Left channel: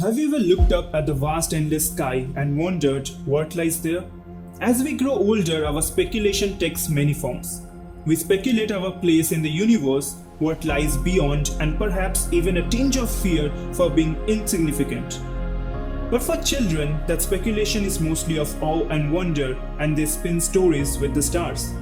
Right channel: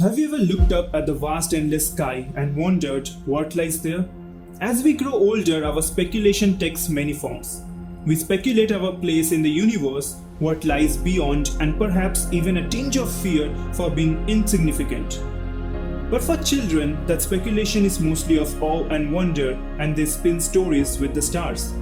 Have you ever looked up at the vast endless sky and wondered what lies there? As we grow older, our speculation takes many forms. We speculate our place in the universe, what lies beyond, and perhaps even a tinge of fear for being insignificant. But for children, that speculation is mostly of awe and wonder, and they spin stories with the stars.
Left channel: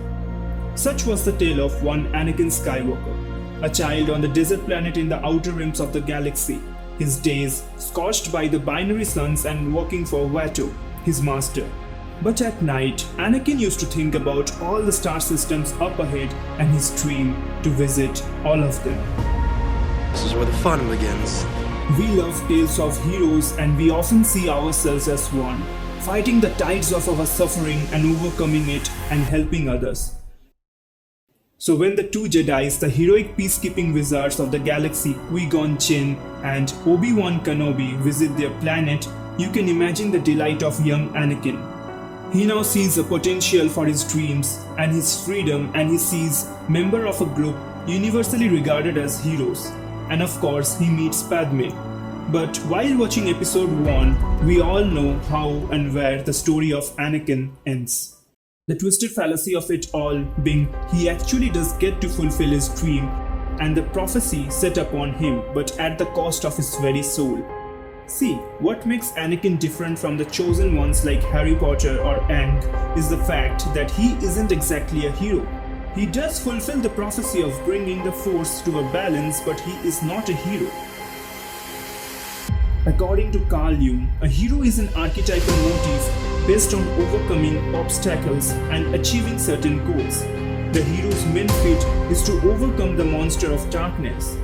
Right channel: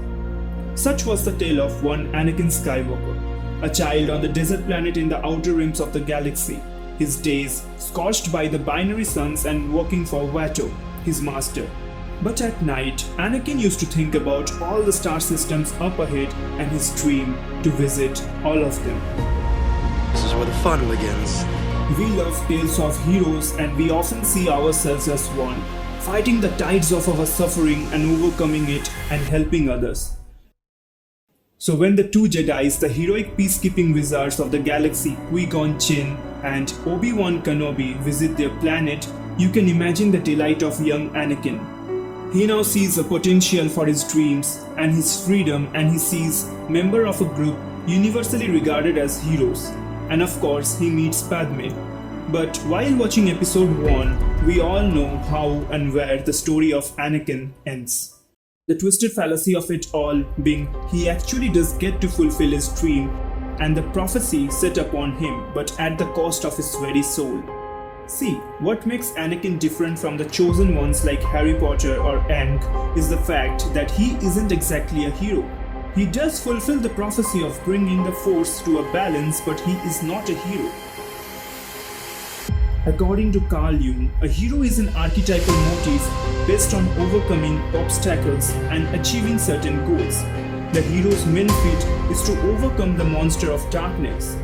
Such was the tale of one Anakin Skywalker, a child on the desert planet in the outer rims of the galaxy, his days scorched by the binary suns and working for Vader, his master. But at night, Anakin used to think about all the star systems up ahead and his dream to visit all of them. This is where the fun begins. We love tales of heroes and we often see ourselves as one, fighting the tides of our suffering and overcoming it and helping others. So when the two Jedis, the heroic peacekeeping wizards of the galaxy Qui-Gon Jinn and Obi-Wan Kenobi visit their planet, you can imagine the delight of young Anakin. He now sees a potential for his dreams and his freedom, and he sees member of a group universally regarded as heroes. And of course, he meets Padme. But while watching episode 1, we all know how and where the story of Anakin ends. The twisted fallacy of it all being he actually does get to fulfill his dream and the prophecy set upon him, but at the cost of his very soul. See, what makes Anakin different from the chosen ones like Harry Potter or Aang is the fact that he isn't exactly a hero. He does fulfill the prophecy of bringing the Force to a balance, but he is not a hero. According to Carl Jung, a hero is an archetypal motif based on overcoming obstacles and achieving certain goals. The hero's main feat is to overcome the monster of darkness.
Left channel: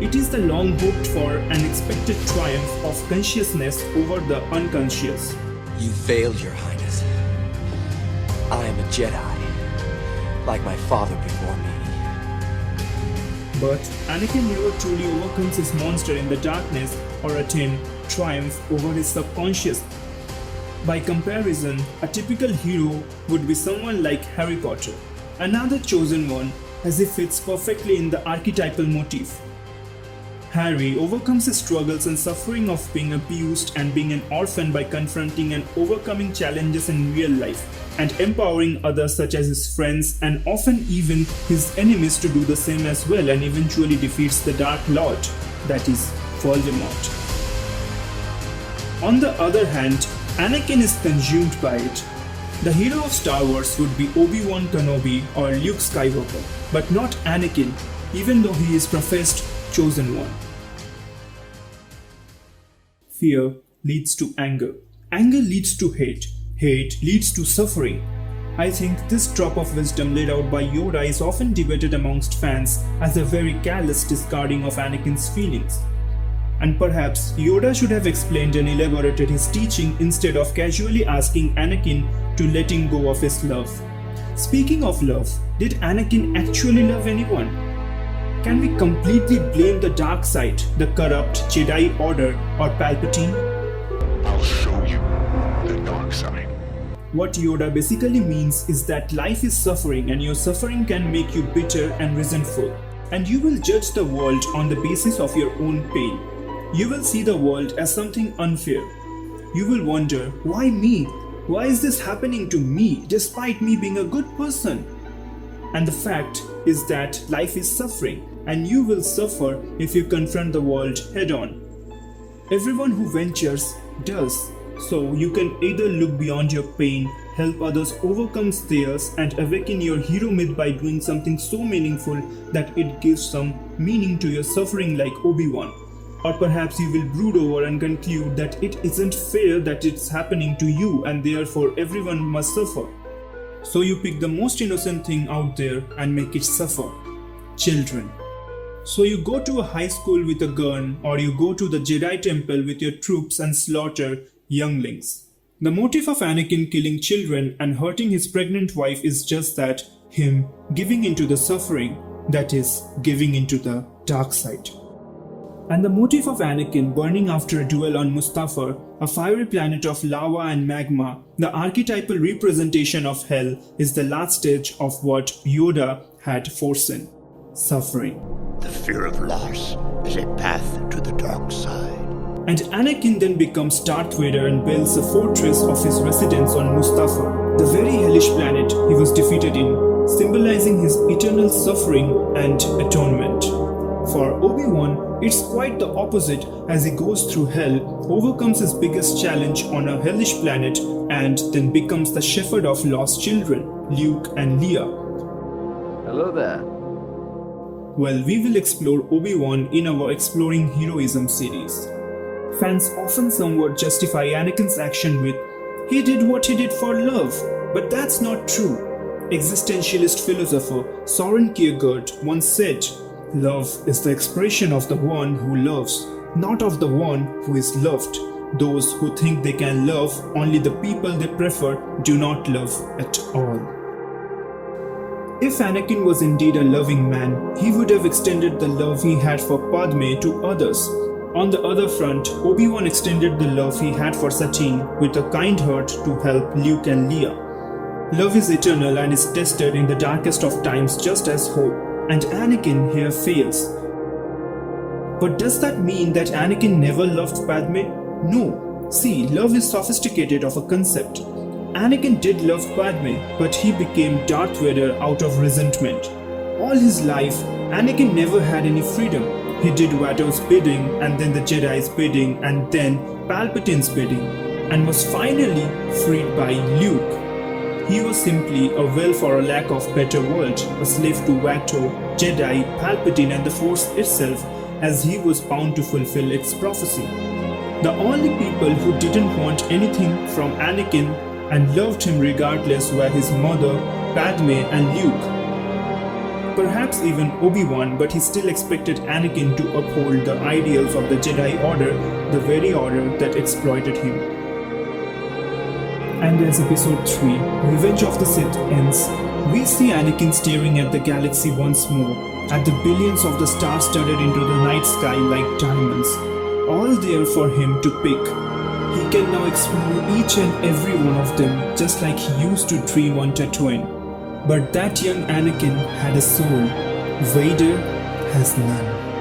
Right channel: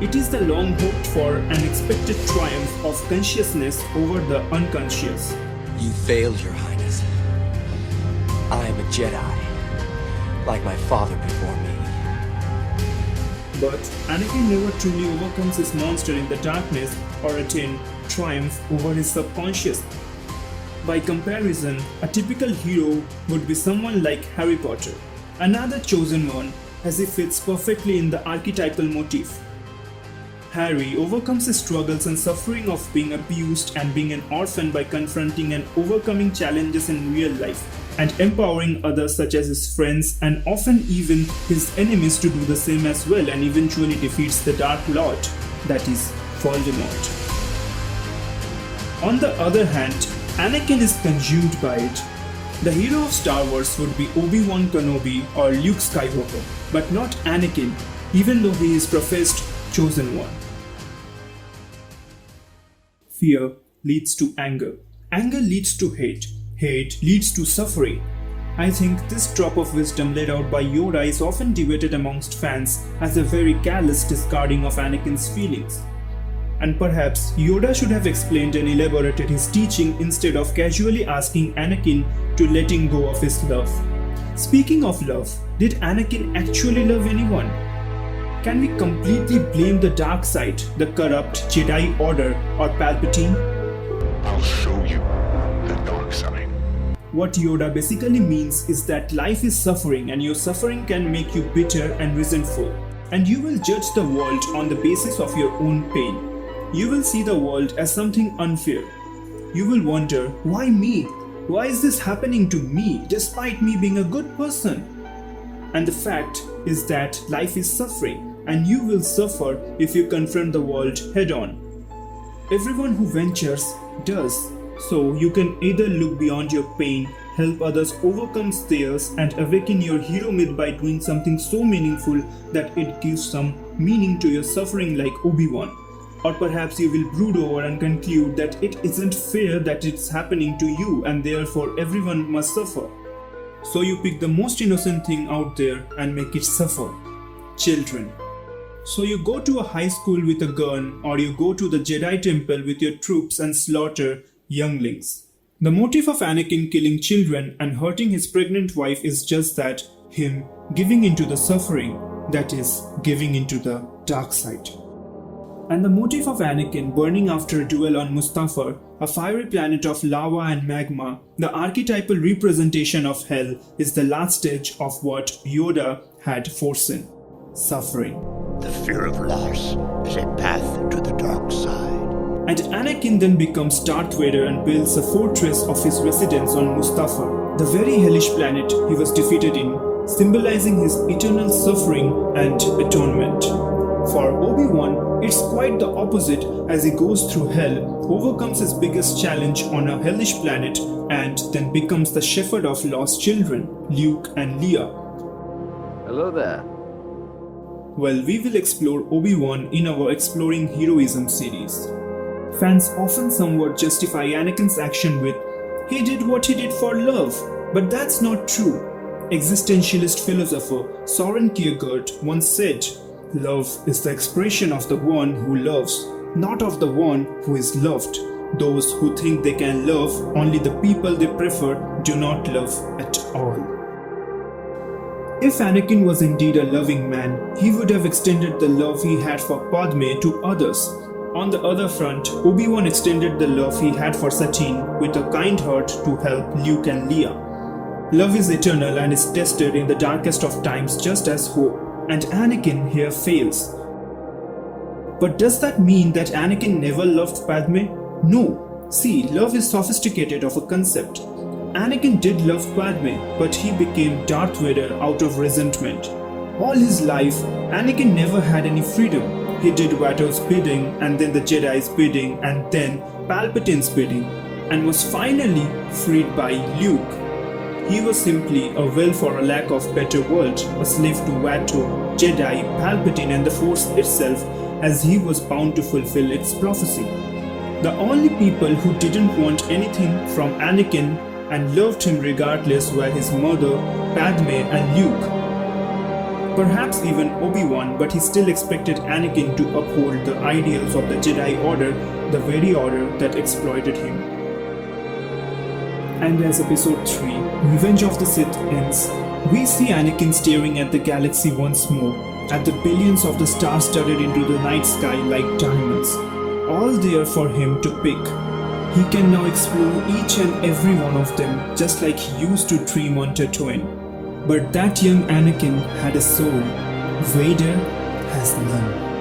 It is the long hoped for and expected triumph of consciousness over the unconscious. You failed, Your Highness. I am a Jedi, like my father before me. But Anakin never truly overcomes his monster in the darkness or attain triumph over his subconscious. By comparison, a typical hero would be someone like Harry Potter, another chosen one, as he fits perfectly in the archetypal motif. Harry overcomes his struggles and suffering of being abused and being an orphan by confronting and overcoming challenges in real life and empowering others such as his friends and often even his enemies to do the same as well, and eventually defeats the Dark Lord, that is, Voldemort. On the other hand, Anakin is consumed by it. The hero of Star Wars would be Obi-Wan Kenobi or Luke Skywalker, but not Anakin, even though he is professed chosen one. Fear leads to anger. Anger leads to hate. Hate leads to suffering. I think this drop of wisdom laid out by Yoda is often debated amongst fans as a very callous discarding of Anakin's feelings. And perhaps Yoda should have explained and elaborated his teaching instead of casually asking Anakin to letting go of his love. Speaking of love, did Anakin actually love anyone? Can we completely blame the dark side, the corrupt Jedi Order, or Palpatine? I'll show you the dark side. What Yoda basically means is that life is suffering and your suffering can make you bitter and resentful. And you will judge the world on the basis of your own pain. You will see the world as something unfair. You will wonder, why me? Why is this happening to me despite me being a good person? And the fact is that life is suffering and you will suffer if you confront the world head on. Everyone who ventures does. So you can either look beyond your pain, help others overcome theirs, and awaken your hero myth by doing something so meaningful that it gives some meaning to your suffering like Obi-Wan. Or perhaps you will brood over and conclude that it isn't fair that it's happening to you and therefore everyone must suffer. So you pick the most innocent thing out there and make it suffer. Children. So you go to a high school with a gun, or you go to the Jedi temple with your troops and slaughter younglings. The motive of Anakin killing children and hurting his pregnant wife is just that, him giving into the suffering, that is, giving into the dark side. And the motive of Anakin burning after a duel on Mustafar, a fiery planet of lava and magma, the archetypal representation of hell, is the last stage of what Yoda had foreseen: suffering. The fear of loss is a path to the dark side. And Anakin then becomes Darth Vader and builds a fortress of his residence on Mustafar, the very hellish planet he was defeated in, symbolizing his eternal suffering and atonement. For Obi-Wan, it's quite the opposite as he goes through hell, overcomes his biggest challenge on a hellish planet, and then becomes the shepherd of lost children, Luke and Leia. Hello there. Well, we will explore Obi-Wan in our Exploring Heroism series. Fans often somewhat justify Anakin's action with, he did what he did for love, but that's not true. Existentialist philosopher Soren Kierkegaard once said, love is the expression of the one who loves, not of the one who is loved. Those who think they can love only the people they prefer do not love at all. If Anakin was indeed a loving man, he would have extended the love he had for Padme to others. On the other front, Obi-Wan extended the love he had for Satine with a kind heart to help Luke and Leia. Love is eternal and is tested in the darkest of times just as hope, and Anakin here fails. But does that mean that Anakin never loved Padme? No. See, love is sophisticated of a concept. Anakin did love Padme, but he became Darth Vader out of resentment. All his life, Anakin never had any freedom. He did Vader's bidding, and then the Jedi's bidding, and then Palpatine's bidding, and was finally freed by Luke. He was simply a will for a lack of better word, a slave to Vader, Jedi, Palpatine and the Force itself, as he was bound to fulfill its prophecy. The only people who didn't want anything from Anakin and loved him regardless were his mother, Padme and Luke. Perhaps even Obi-Wan, but he still expected Anakin to uphold the ideals of the Jedi Order, the very order that exploited him. And as Episode 3, Revenge of the Sith ends, we see Anakin staring at the galaxy once more, at the billions of the stars studded into the night sky like diamonds, all there for him to pick. He can now explore each and every one of them just like he used to dream on Tatooine. But that young Anakin had a soul. Vader has none.